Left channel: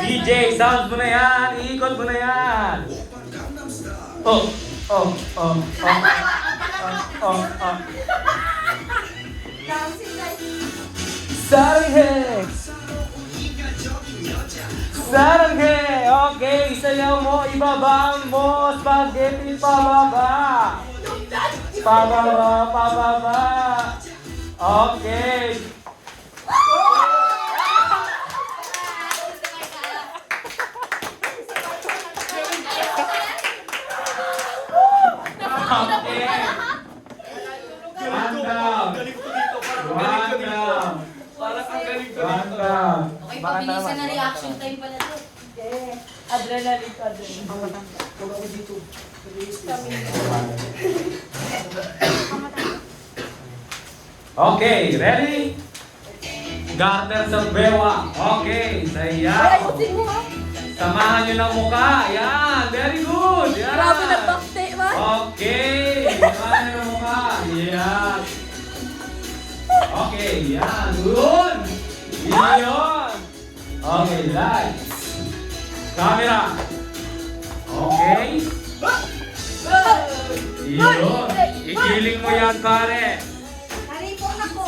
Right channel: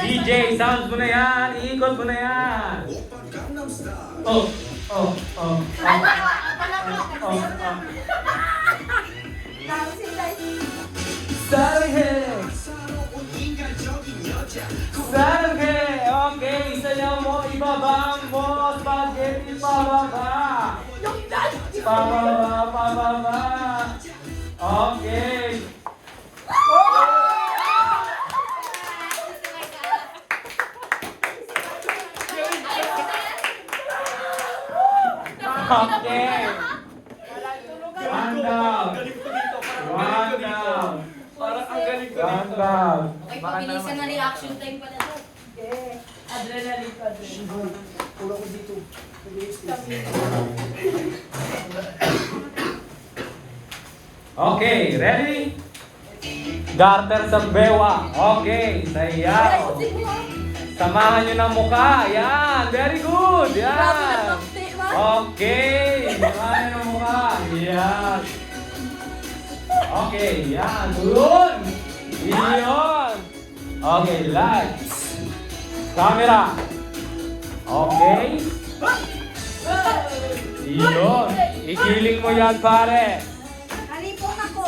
DJ, sounds mo na yan. Iikot mo na yan. Oh, oh, oh. Saranghe! Saranghe! Okay, sayaw mo, ibabang mo, spaghetti pababa. Pababa, pababa. Okay. Okay. One down. One down. Parang ang galing ko One dito. down. Okay, pabilisan na reaction time pala to. Adrenaline ko, adrenaline. Huwag ako dito. Okay, ready? Garter sa bewa. Okay, sayaw. Samahan niyo ng mukha. Yan, very good. Yan. Grabe na backstay ba? Okay, samahan niyo ng mukha. Yan. Okay, yan. Doon. Yun. Okay, lights. Camera. Okay. Yun. Igiling mo yan, pare. Nalipong ako.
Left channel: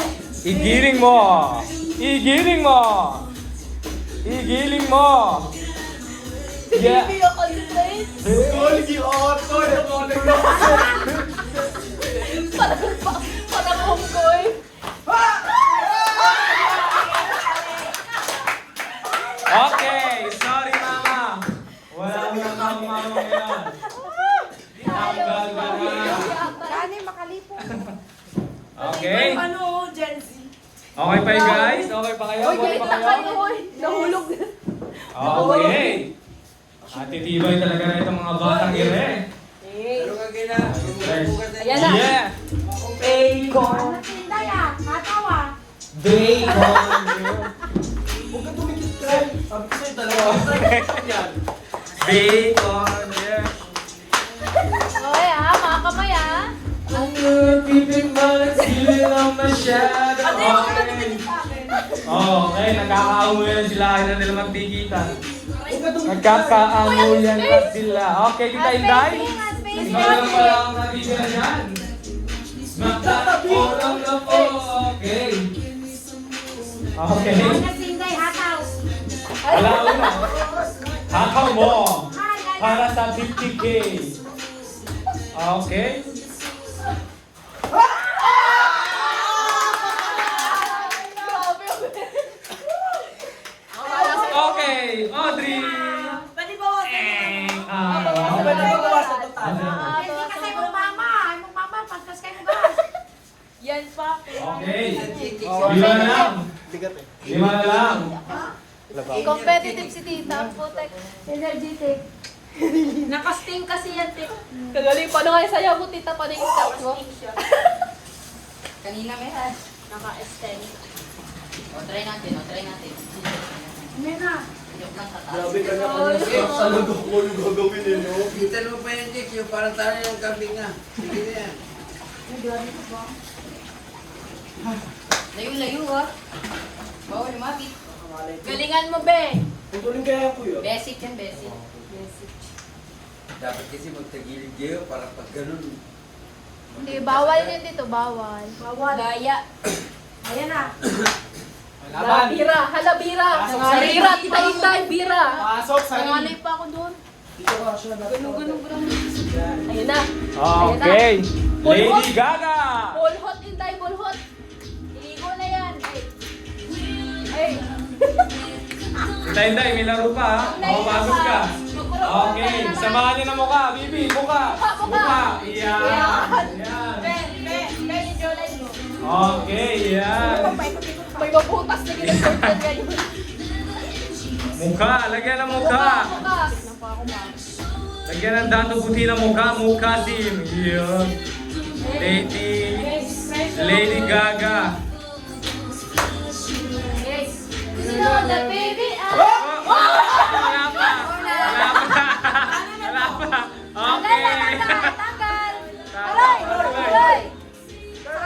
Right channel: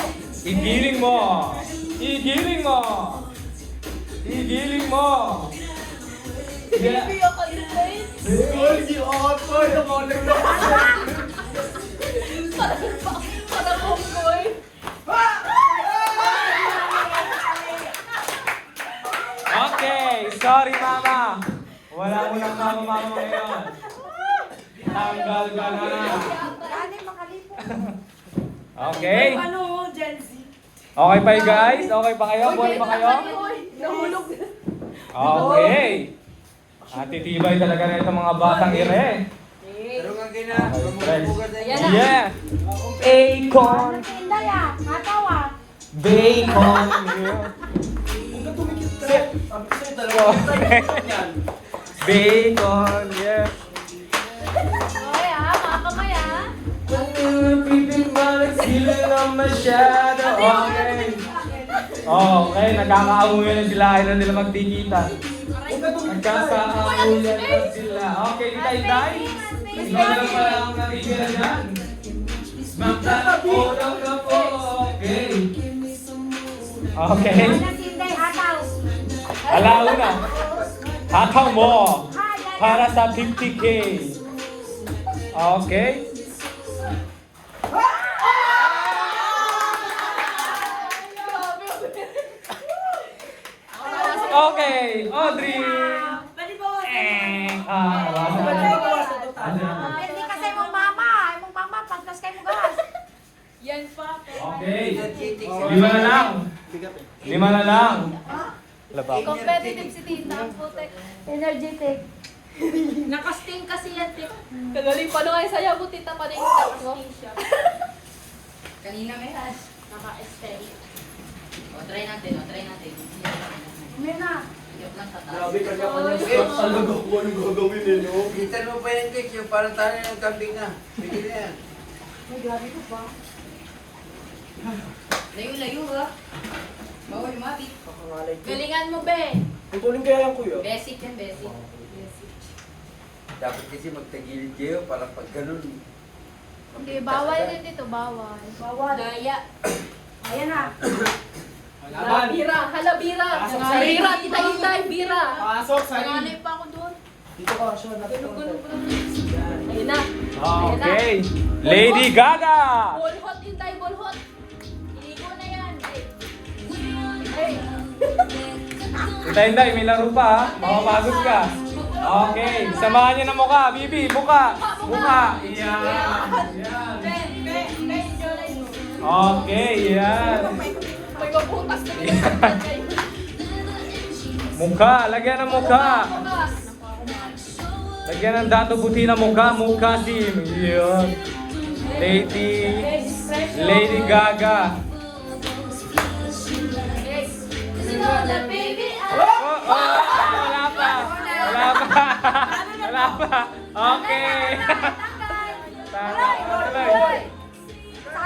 Igiling mo. Igiling mo. Igiling mo. Yeah. Hoy, di auto. Nakulang na. Parang homeboy. Okay, sorry mama. Wala ko na mama ngayon. Tanggal ka na. Kani makalipong. Okay. Ano, Gen Z? Okay pa yun, guys? Okay pa kayo? Okay pa kayo? Nahulog na. Okay. Titibay talaga na itong mga batang ina eh. Pero kang gina. Yan na. Yeah. Bacon. Ano tinda yan? Natawa. Bacon. Huwag ka tumikit ka. Sabi ko sa'yo, dalawa ako yan. Bacon. Yeah. Okay ha, mga kamay ha. Pipig mo na sili lang masyado. Okay, nagkakaamuyan na sila. Ayaw na nila magtigitan. Huwag ka tumikit ka. Nagkakaamuyan na sila. Okay, kita inday. Wala na pala akong natitira dyan. Magtakulong na po. Okay. Okay. Ano tinday, hataw. Wala ko na. Hakaw mo. Para sa 50K. Okay. Okay, Audrey. Pwede ba wag? Ang pwede mo gawa sa total. Hindi kasi mo mama. Ay mo mama, pagkas kayo ba? Yan pa. Okay. Lima na lang. Lima na lang. Competitive si Tita. Putek. Energetic. Nakasting kasi yan, Tita. Kagaling pa na kayo sa'yo mo, Tita, pa na yung start ko. Kanina may hash. Naka-extend. O, try natin, o, try natin. May na. Joke lang, tataas. Grabe ka niya kanya stop talaga kung ano gagawin eh, no? Kita mo pa yan, Dick, yung parang tayo ng kambing na. Sige na yan. May grabe ka ba? Layo-layo, ha? Bawal lumapit. Galingan mo, be. Putulin kaya yan, kuya. Basic yan, basic. Basic. Dapat kasi magtagilid kayo para pag ganun. Hindi, bawal yun dito, bawal. Bawal. Daya. Ayan na. Laban. Bira, hala bira. Pasok sa Bira, hintay, bira. Pasok sa Nanganay pa ako doon. Dito ka siya Ganun-ganun pa lang. Ayun na. Okay. Lady Gaga. Ball hot, hintay, ball hot. Igo na yan. Hey. Hinday, may laro pa ha. Mamamagod ka. Okay. Samahan niyo ng mukha. Bibi, mukha. Mukha. Yan. Yan. Okay, yan. May mabutas na ginagawa kayo. Mukha. Lagyan ng mukha. Lagyan ng dato puti ng mukha. Mukha din. Yan. Lady Gaga. Sunod na baby. Wala pa. Wala pa. Wala pa. Okay. Aray! Aray!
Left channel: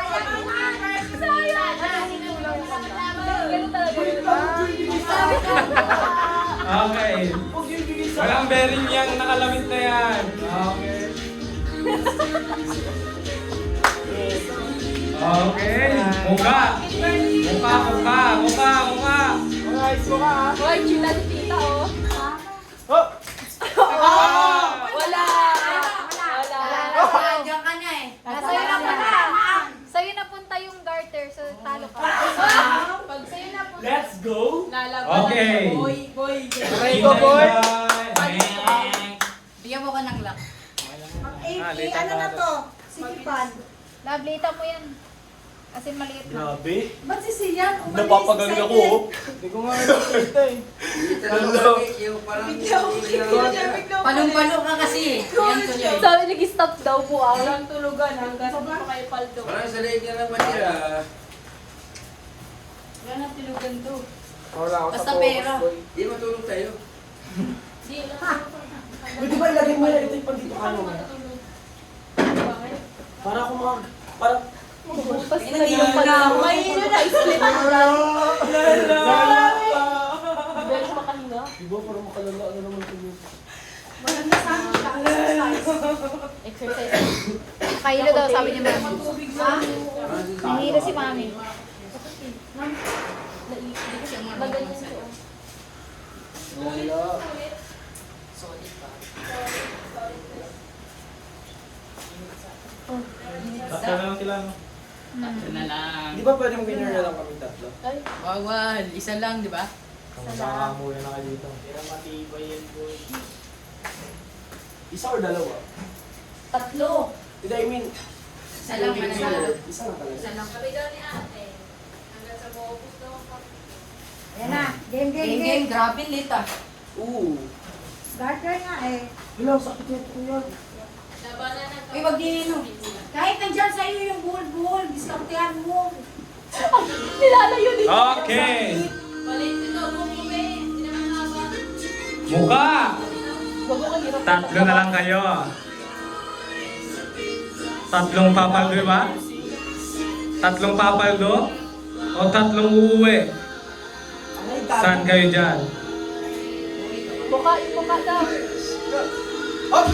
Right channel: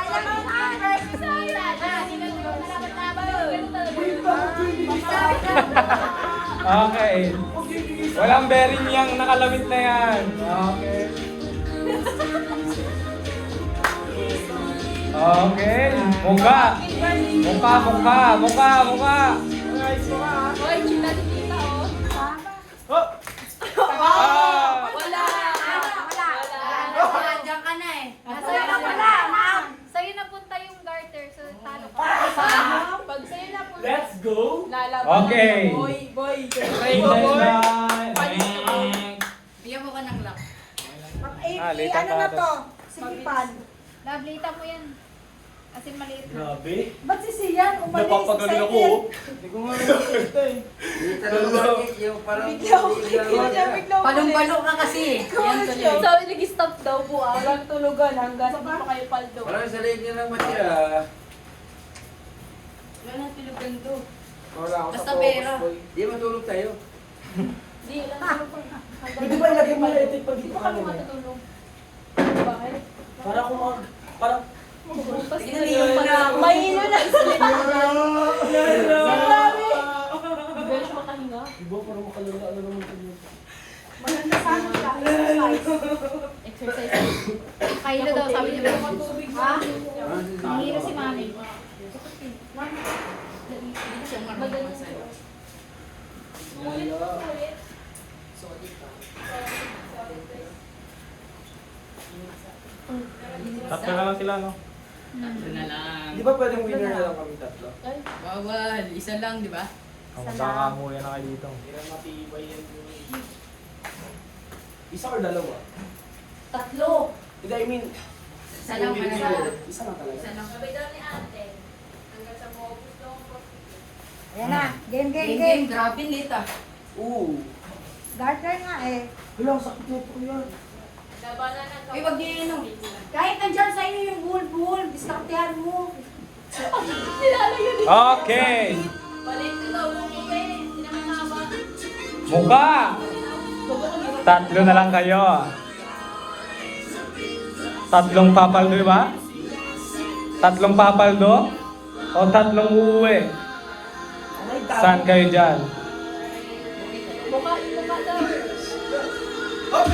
Sayang ang number. Sayang! Okay. Okay. Huwag yung bigisa. Walang bearing yung nakalamit na yan. Okay. Okay. Mukha. Mukha. Guys, mo ka. Uy, chila si tita, oh. Oh! Wala. Nandiyan ka na eh. Sa'yo napunta yung garter, so talo ka. Pag sa'yo na po. Let's go! Lalaban. Okay. Boy. Ready ko, boy! Bigyan mo ka ng lock. Ano na to? Sigipan. Lablita mo yan. Kasi maliit na. Grabe. Ba't si Sian? Umalis Napapagaling ako. excited. oh. Hindi ko nga nakikita eh. Hindi talaga yung parang Palong-palo ka kasi. Yan tuloy. Sabi nag-stop daw po ah. Walang tulugan hanggang sa kayo paldo. Parang sanay ka lang matira. Wala nang tulugan to. Wala ako Basta sa focus, pera. boy. Di matulog tayo. Di lang. Pwede ba ilagay mo yung electric pan dito ano mo? Para ako parang... Tingnan niyo yung pala. Mahilo na. Diba, parang makalala na naman ito yun. Maganda sana siya. Exercise. Exercise. Kahilo daw, sabi niya. Ha? Nahilo si mami. Hindi siya marunong sa'yo. Ulit. Solid pa. Tatlo na lang sila, no? Tatlo na lang. Di ba pwedeng winner na lang kami tatlo? Bawal. Isa lang, di ba? Makakamuya na kayo dito. Matibay yan, boy. Isa or dalawa? Tatlo. Hindi, I mean... Isa lang yung winner, mananalo. Isa lang talaga. Isa lang. Sabi daw ni ate. Hanggang sa maubos daw ang pag-ibig. Yan na. Game. Game. Grabe late ah. Oo. Garter nga eh. Hala, sakit na ito yan. Labanan ng Uy, wag din ano. Kahit nandyan sa iyo yung buhol, diskartehan mo. Nilalayo din. Okay. Balik ito. Bumube. Hindi naman haba. Mukha. Tatlo na lang kayo. Tatlong papaldo, di ba? Tatlong papaldo? O tatlong uuwi? Ay, dami. Saan kayo dyan? Mukha daw. Oh!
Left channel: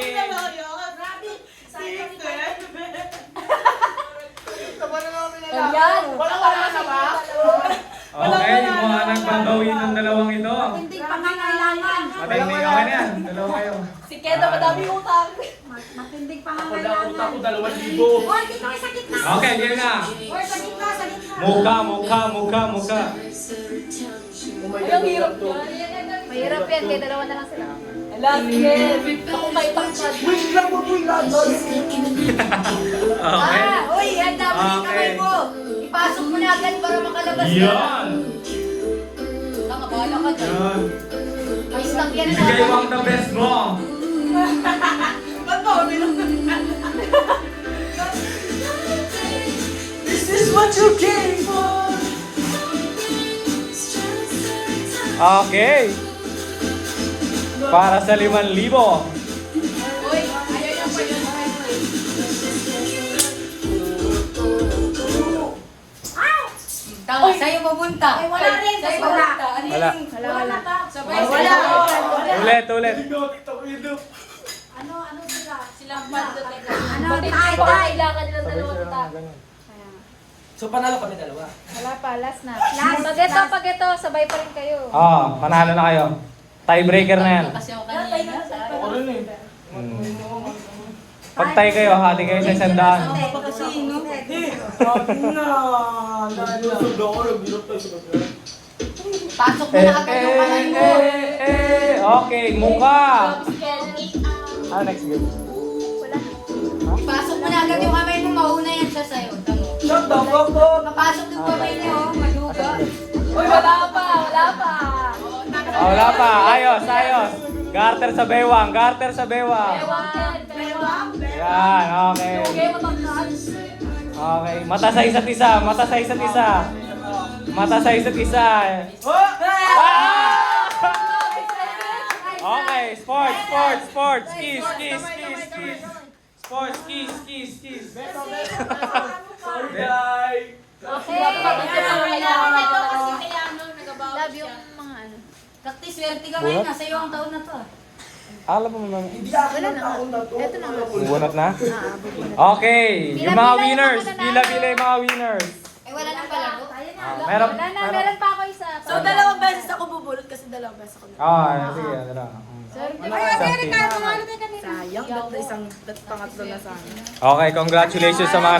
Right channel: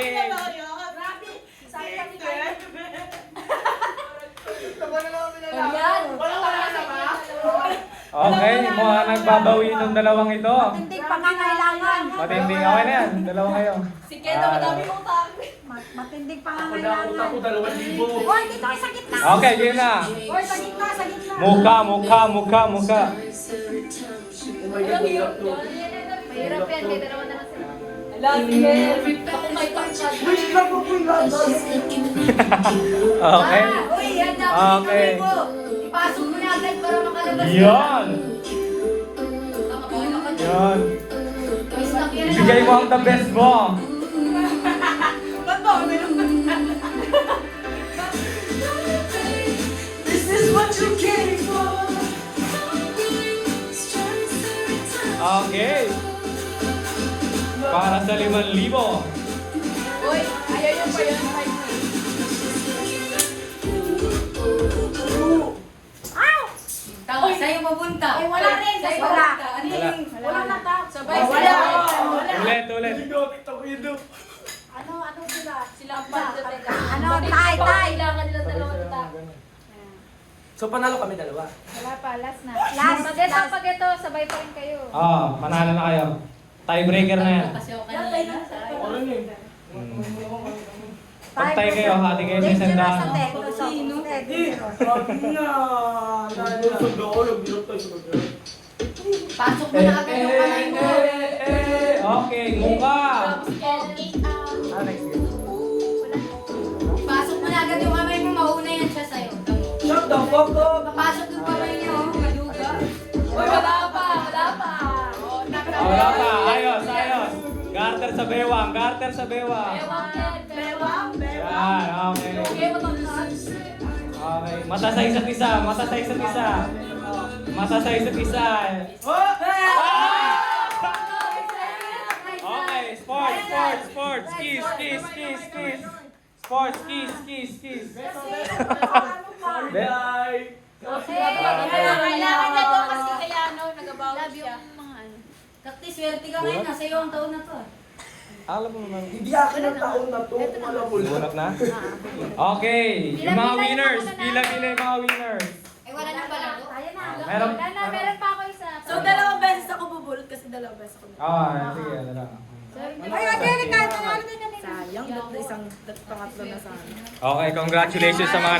Grabe. Sayang ito eh. Ayan. Wala na ba? Okay, mukha nang babawin ng dalawang ito. Hindi pangangailangan. Matinding naman yan. Dalawa kayo. Si Keda madami utang. Matinding Ako na, pangangailangan. utak ko 2,000. Hoy, dito kayo sa gitna. Okay, yun na. Hoy, sa gitna. Mukha. Oh my God, utak to. Mahirap yan, kaya dalawa na lang sila. Ala, sige. Kung may pangkat. Wish lang mo po yung lahat. Okay. Hoy, handa mo yung kamay mo. Ipasok mo na agad para makalabas na. Yan. Tama, bahala ka dyan. Yan. May stock yan. Bigay mo ang the best mo. Ba't ba? Meron na. This is what you came for. Okay. Para sa 5,000. Uy, ayaw yung kayo ng kayo. Tama, sa'yo pupunta. Ay, wala rin. Sa'yo Wala. pupunta. Ano Wala. yung... Wala na daw. Sabay, Wala. sabay. Ulit. Hindi ko TikTok ko yun. Ano sila? Silang banda teka. Ano? Hindi Tay, ko tay. kailangan nila dalawa utang. So, panalo kami dalawa. Wala pa, last na. Last. Pag ito, sabay pa rin kayo. Manalo na kayo. Tiebreaker na yan. Kasi ako kanina. Ako rin eh. Pagtay kayo, hati kayo sa sandahan. Ako pa kasi, no? Bakit na? Nagsundo ako, nagbirot tayo sa kanya. Pasok mo na agad yung kamay mo. Okay, mukha. Si Keda. Next game. Pasok mo na agad yung kamay mo. Mauna yan siya sa'yo. Shut the fuck up! Papasok yung kamay niya, oh. Maduga. Uy, wala pa. Wala pa. Ayos. Garter sa bewang. Bewang. Yan, okay. Okay, matangkas. Okay, mata sa isa't isa. Okay, sports. Kiss. Sports, kiss, kiss, kiss. Sorry, guys. Kailangan niya daw kasi kaya nagabawas Love siya. yung mga ano. Practice, swerte ka ngayon. Nasa iyo ang taon na to. Alam mo naman. Hindi akin ang taon na to. Wala ko. Bunot na? Okay, yung mga winners. Pila-pila yung mga winners. Eh, wala nang palago. Meron. Meron pa ako isa. So, dalawang beses ako bubulot kasi dalawang beses ako. Sige, ano. Ay, Ate Ricardo, ano na kanina? Sayang, ba't isang pangatlo na sana. Okay, congratulations sa mga